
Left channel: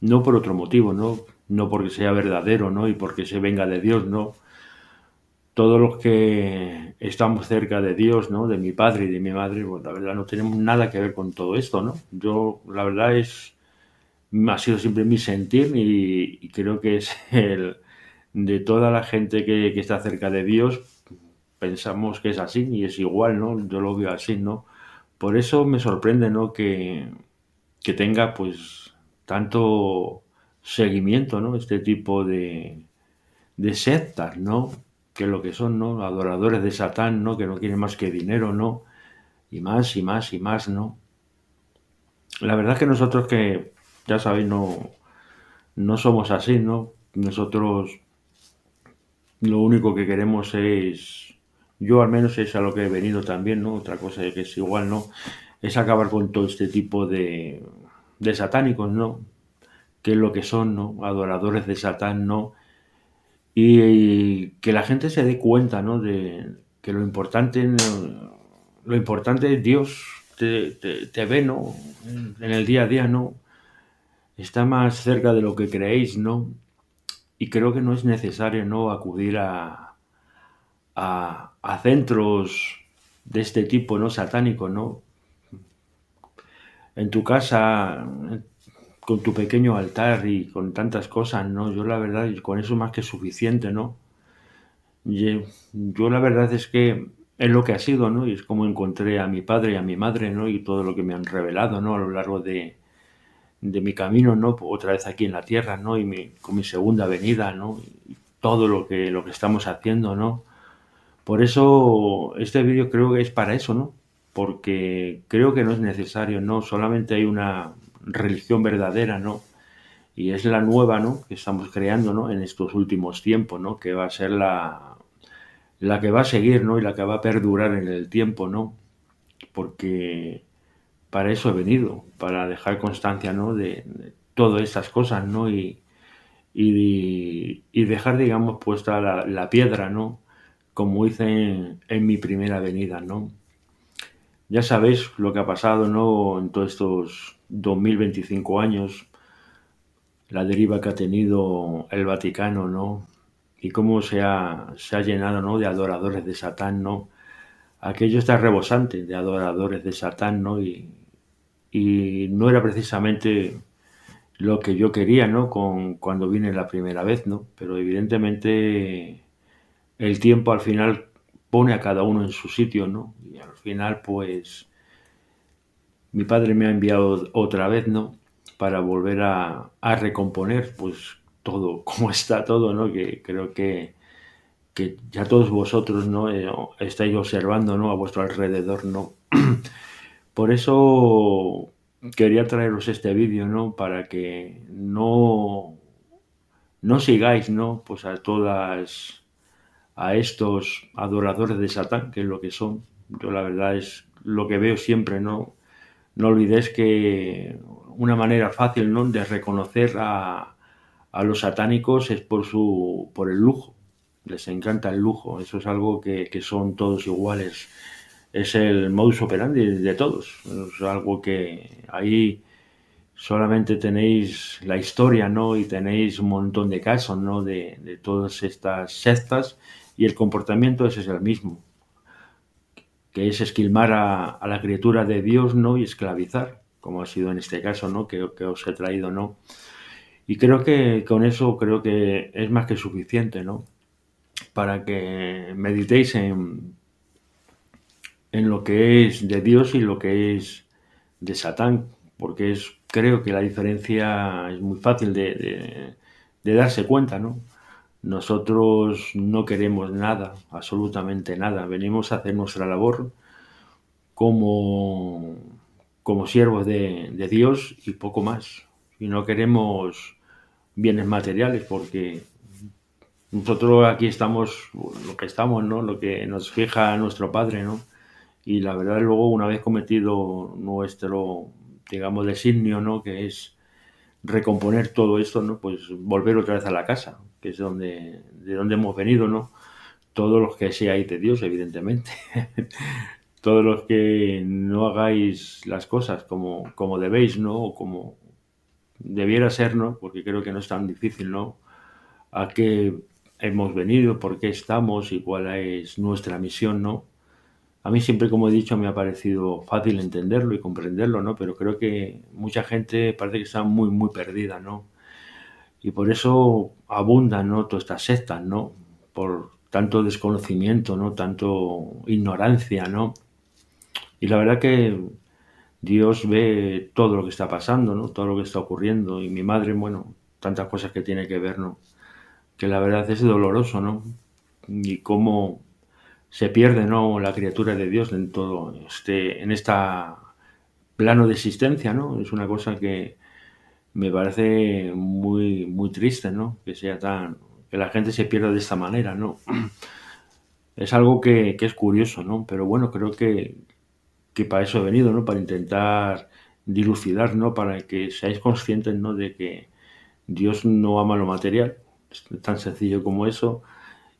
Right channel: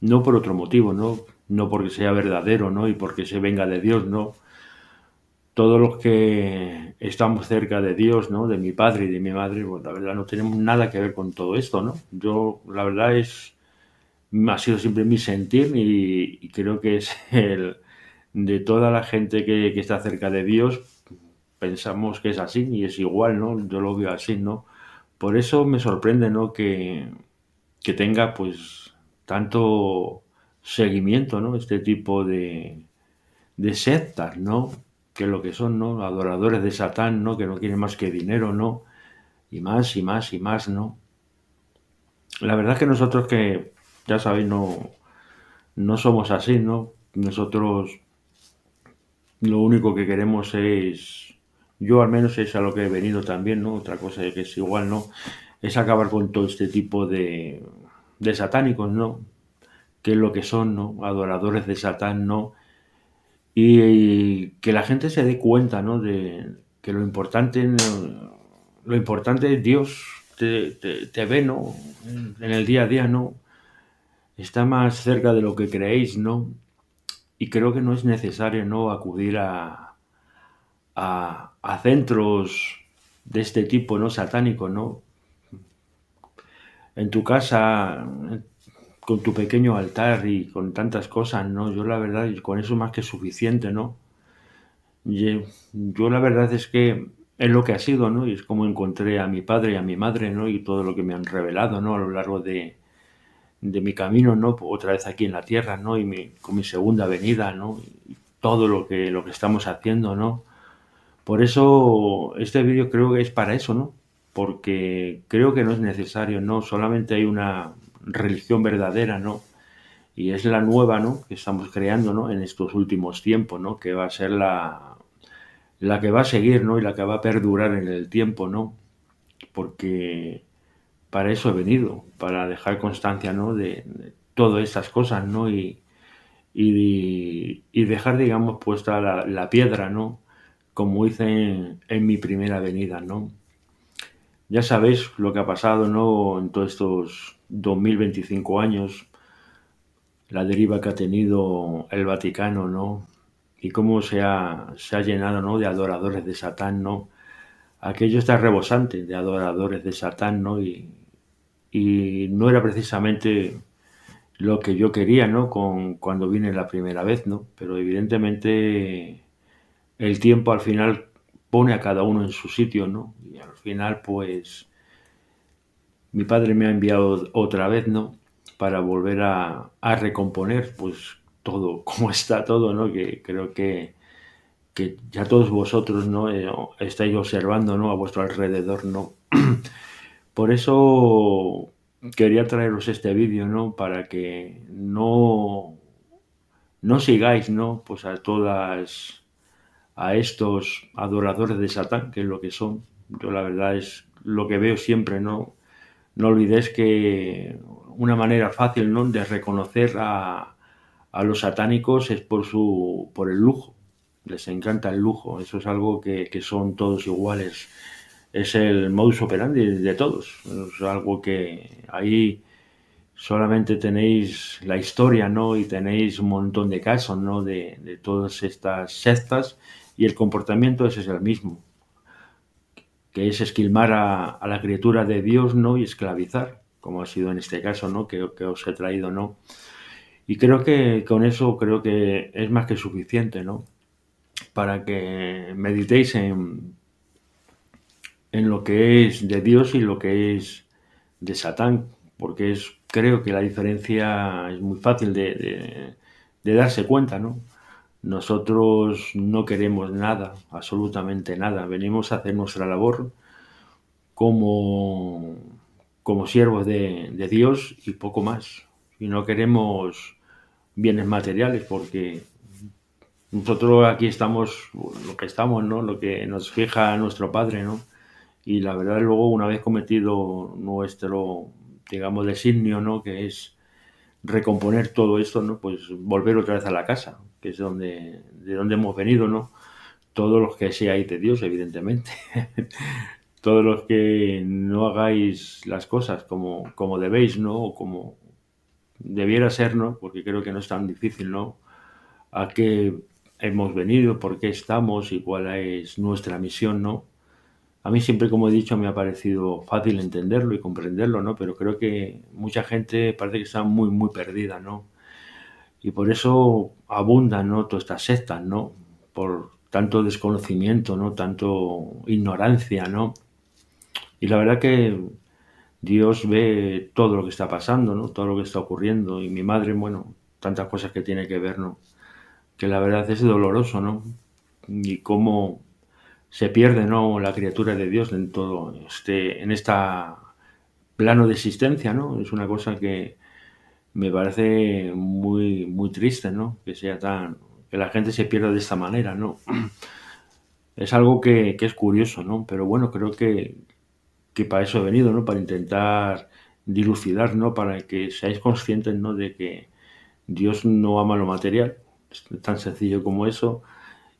No por otro motivo, ¿no? No porque sea verdadero, ¿no? Y porque se venga de Dios, ¿no? Todos los que estamos cerca de Dios, ¿no? De mi padre y de mi madre, pues la verdad no tenemos nada que ver con todo esto, ¿no? Yo, la verdad ha sido siempre mi sentir y creo que es de toda la gente que está cerca de Dios, pensamos que es así y es igual, ¿no? Yo lo veo así, ¿no? Por eso me sorprende, ¿no? Que tenga, pues, tanto seguimiento, ¿no? Este tipo de sectas, ¿no? Que es lo que son, ¿no? Adoradores de Satán, ¿no? Que no quieren más que dinero, ¿no? Y más, y más, y más, ¿no? La verdad es que nosotros que, ya sabéis, no somos así, ¿no? Nosotros lo único que queremos es, yo al menos es a lo que he venido también, ¿no? Otra cosa que es igual, ¿no? Es acabar con todo este tipo de satánicos, ¿no? Que es lo que son, ¿no? Adoradores de Satán, ¿no? Y que la gente se dé cuenta, ¿no? De que lo importante es Dios, te ve, ¿no? En el día a día, ¿no? Está más cerca de lo que creéis, ¿no? Y creo que no es necesario, ¿no? Acudir a centros de este tipo, ¿no? Satánicos, ¿no? En tu casa, con tu pequeño altar y con tantas cosas, ¿no? Yo la verdad, con eso más que suficiente, ¿no? Yo la verdad es que es lo que ha sido, ¿no? Y es como encontré a mi padre y a mi madre, ¿no? Y todo lo que me han revelado, ¿no? A lo largo de mi camino, ¿no? Otra vez aquí en la tierra, ¿no? Con mi segunda venida, ¿no? Y todo lo que estamos haciendo, ¿no? Por eso este vídeo creo que es para eso, ¿no? Porque creo que no es necesario, ¿no? Solamente hay una religión verdadera, ¿no? Y es la nueva, ¿no? Que estamos creando, ¿no? En estos últimos tiempos, ¿no? Que va a ser la que va a seguir, ¿no? Y la que va a perdurar en el tiempo, ¿no? porque para eso he venido, para dejar constancia, ¿no? de todas estas cosas, ¿no? Y dejar, digamos, puesta la piedra, ¿no? Como hice en mi primera venida, ¿no? Ya sabéis lo que ha pasado, ¿no? En todos estos 2025 años, la deriva que ha tenido el Vaticano, ¿no? Y cómo se ha llenado, ¿no? De adoradores de Satán, ¿no? Aquello está rebosante de adoradores de Satán, ¿no? Y no era precisamente lo que yo quería, ¿no? Cuando vine la primera vez, ¿no? Pero evidentemente el tiempo al final pone a cada uno en su sitio, ¿no? Y al final, pues, mi padre me ha enviado otra vez, ¿no? Para volver a recomponer, pues, todo, cómo está todo, ¿no? Que creo que ya todos vosotros, ¿no? Estáis observando, ¿no? A vuestro alrededor, ¿no? Por eso quería traeros este vídeo, ¿no? Para que no sigáis, ¿no? Pues a estos adoradores de Satán, que es lo que son. Yo la verdad es lo que veo siempre, ¿no? No olvidéis que una manera fácil, ¿no? De reconocer a los satánicos es por el lujo. Les encanta el lujo. Eso es algo que son todos iguales. Es el modus operandi de todos. Es algo que ahí solamente tenéis la historia, ¿no? Y tenéis un montón de casos, ¿no? De todas estas sectas, y el comportamiento ese es el mismo, que es esquilmar a la criatura de Dios, ¿no? Y esclavizar, como ha sido en este caso, ¿no? Que os he traído, ¿no? Y creo que con eso creo que es más que suficiente, ¿no? Para que meditéis en lo que es de Dios y lo que es de Satán, porque creo que la diferencia es muy fácil de darse cuenta, ¿no? Nosotros no queremos nada, absolutamente nada. Venimos a hacer nuestra labor como siervos de Dios y poco más. Y no queremos bienes materiales, porque nosotros aquí estamos lo que estamos, ¿no? Lo que nos fija nuestro Padre, ¿no? Y la verdad, luego, una vez cometido nuestro, digamos, designio, ¿no? Que es recomponer todo esto, ¿no? Pues volver otra vez a la casa, que es de donde hemos venido, ¿no? Todos los que seáis de Dios, evidentemente. Todos los que no hagáis las cosas como debéis, ¿no? O como debiera ser, ¿no? Porque creo que no es tan difícil, ¿no? A qué hemos venido, por qué estamos y cuál es nuestra misión, ¿no? A mí siempre, como he dicho, me ha parecido fácil entenderlo y comprenderlo, ¿no? Pero creo que mucha gente parece que está muy, muy perdida, ¿no? Y por eso abundan, ¿no? Todas estas sectas, ¿no? Por tanto desconocimiento, ¿no? Tanto ignorancia, ¿no? Y la verdad que Dios ve todo lo que está pasando, ¿no? Todo lo que está ocurriendo. Y mi madre, bueno, tantas cosas que tiene que ver, ¿no? Que la verdad es doloroso, ¿no? Y cómo se pierde, ¿no? La criatura de Dios en todo en esta plano de existencia, ¿no? Es una cosa que me parece muy, muy triste, ¿no? Que la gente se pierda de esta manera, ¿no? Es algo que es curioso, ¿no? Pero bueno, creo que para eso he venido, ¿no? Para intentar dilucidar, ¿no? Para que seáis conscientes, ¿no? De que Dios no ama lo material, es tan sencillo como eso,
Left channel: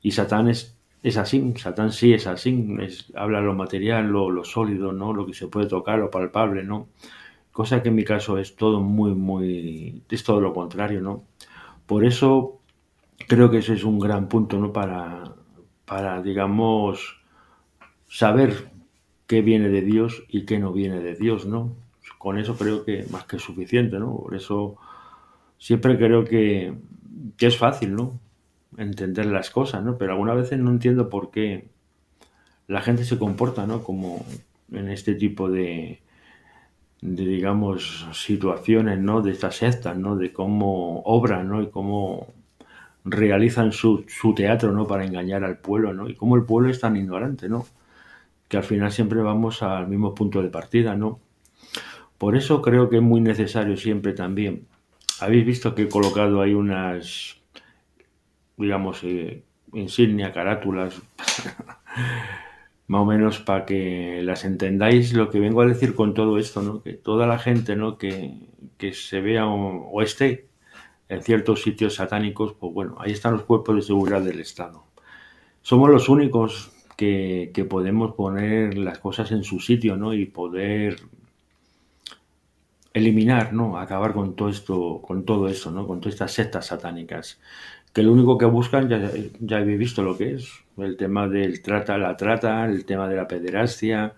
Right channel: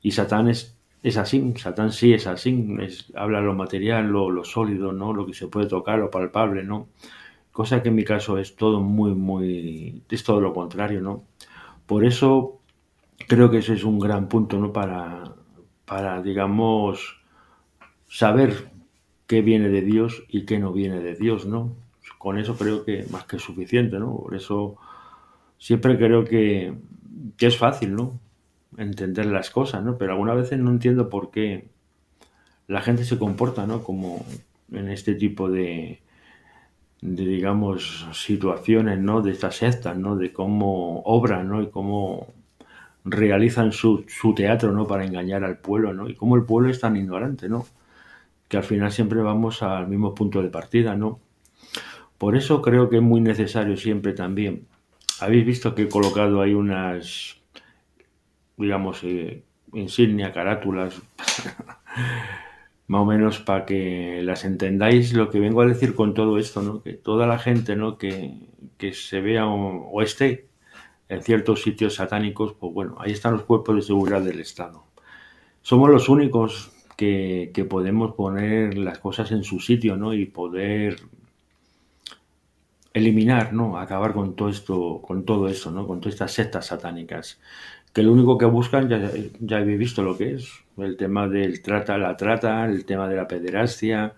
y Satán es así, Satán sí es así, habla lo material, lo sólido, ¿no? Lo que se puede tocar, lo palpable, ¿no? Cosa que en mi caso es todo es todo lo contrario, ¿no? Por eso creo que ese es un gran punto, ¿no? Para digamos, saber qué viene de Dios y qué no viene de Dios, ¿no? Con eso creo que más que suficiente, ¿no? Por eso siempre creo que es fácil, ¿no? Entender las cosas, ¿no? Pero algunas veces no entiendo por qué la gente se comporta, ¿no? Como en este tipo digamos, situaciones, ¿no? De estas sectas, ¿no? De cómo obran, ¿no? Y cómo realizan su teatro, ¿no? Para engañar al pueblo, ¿no? Y cómo el pueblo es tan ignorante, ¿no? Que al final siempre vamos al mismo punto de partida, ¿no? Por eso creo que es muy necesario siempre también. Habéis visto que he colocado ahí unas, digamos, insignia, carátulas, más o menos para que las entendáis lo que vengo a decir con todo esto, ¿no? Que toda la gente, ¿no? que se vea o esté en ciertos sitios satánicos, pues bueno, ahí están los cuerpos de seguridad del Estado. Somos los únicos que podemos poner las cosas en su sitio, ¿no? Y poder eliminar, ¿no? Acabar con todo esto, ¿no? Con todas estas sectas satánicas. Que lo único que buscan, ya habéis visto lo que es, el tema del la trata, el tema de la pederastia,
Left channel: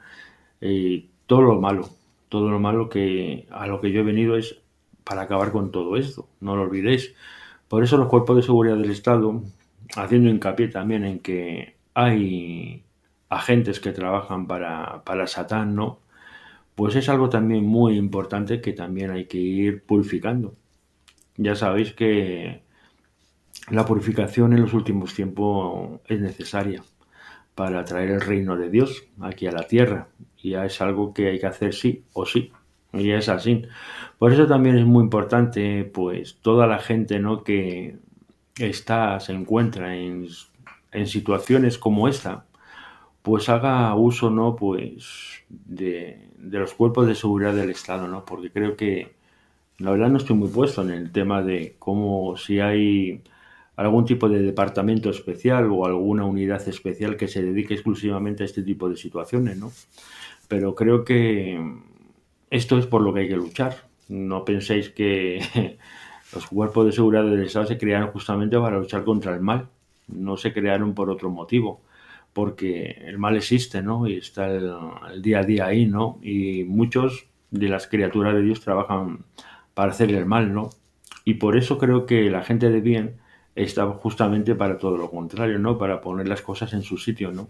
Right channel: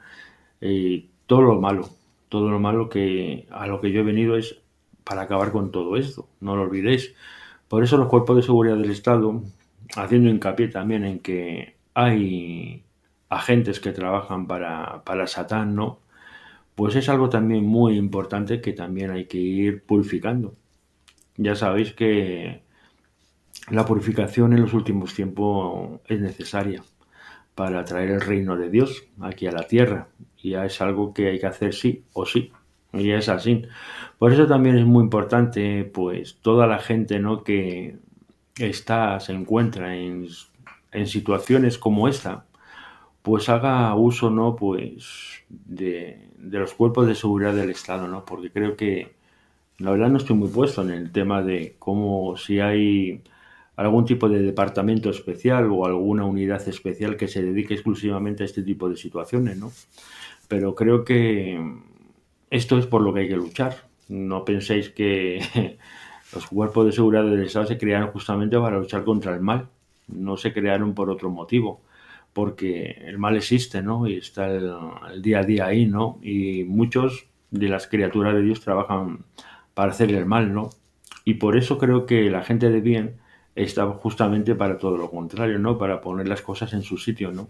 todo lo malo que a lo que yo he venido es para acabar con todo esto, no lo olvidéis. Por eso los cuerpos de seguridad del Estado, haciendo hincapié también en que hay agentes que trabajan para Satán, ¿no? Pues es algo también muy importante que también hay que ir purificando. Ya sabéis que la purificación en los últimos tiempos es necesaria para traer el reino de Dios aquí a la tierra. Y ya es algo que hay que hacer sí o sí. Y es así. Por eso también es muy importante, pues, toda la gente, ¿no? que se encuentra en situaciones como esta, pues haga uso, ¿no? Pues de los cuerpos de seguridad del Estado, ¿no? Porque creo que, la verdad no estoy muy puesto en el tema de cómo si hay algún tipo de departamento especial o alguna unidad especial que se dedique exclusivamente a este tipo de situaciones, ¿no? Pero creo que esto es por lo que hay que luchar. No penséis que los cuerpos de seguridad del Estado se crearon justamente para luchar contra el mal. No se crearon por otro motivo, porque el mal existe, ¿no? Y está el día a día ahí, ¿no? Y muchos de las criaturas de Dios trabajan para hacer el mal, ¿no? Y por eso creo que la gente de bien está justamente para todo lo contrario, ¿no? Para poner las cosas en su sitio, ¿no?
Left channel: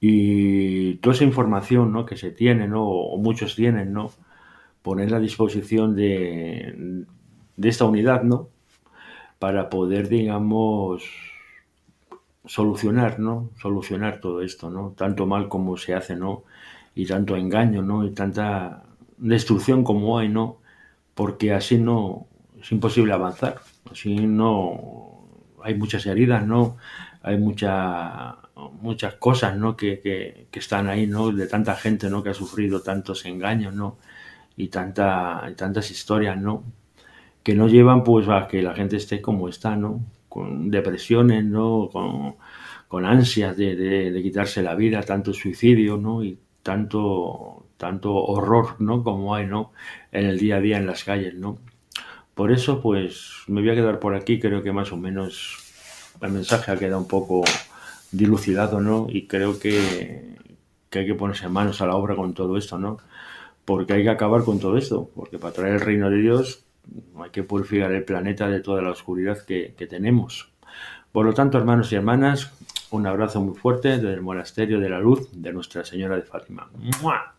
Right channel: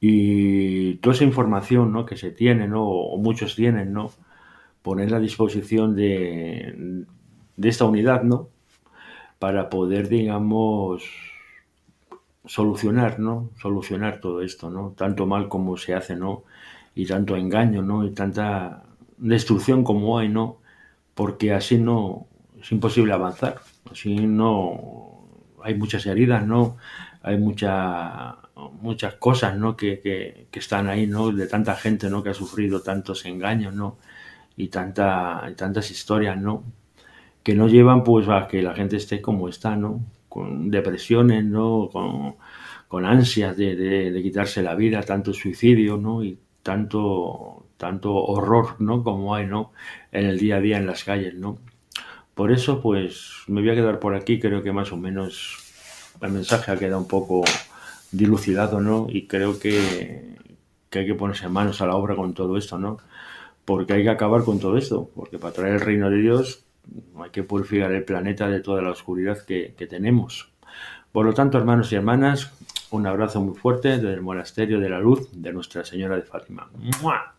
Y toda esa información, ¿no? que se tiene, ¿no? o muchos tienen, ¿no? Ponerla a disposición de esta unidad, ¿no? Para poder, digamos, solucionar, ¿no? Solucionar todo esto, ¿no? Tanto mal como se hace, ¿no? Y tanto engaño, ¿no? Y tanta destrucción como hay, ¿no? Porque así no es imposible avanzar. Así no hay muchas heridas, ¿no? Hay muchas cosas, ¿no? que están ahí, ¿no? De tanta gente, ¿no? Que ha sufrido tantos engaños, ¿no? Y tantas historias, ¿no? Que no llevan, pues, a que la gente esté como está, ¿no? Con depresiones, ¿no? Con ansias de quitarse la vida, tanto suicidio, ¿no? Y tanto horror, ¿no? Como hay, ¿no? En el día a día en las calles, ¿no? Por eso, pues, me voy a quedar por aquí. Creo que más o menos el mensaje ha quedado un poco dilucidado, ¿no? Y creo que hay que ponerse manos a la obra con todo esto, ¿no? Porque hay que acabar con todo esto, porque para traer el reino de Dios hay que purificar el planeta de toda la oscuridad que tenemos. Por lo tanto, hermanos y hermanas, un abrazo muy fuerte desde el Monasterio de la Luz de Nuestra Señora de Fátima. ¡Mua!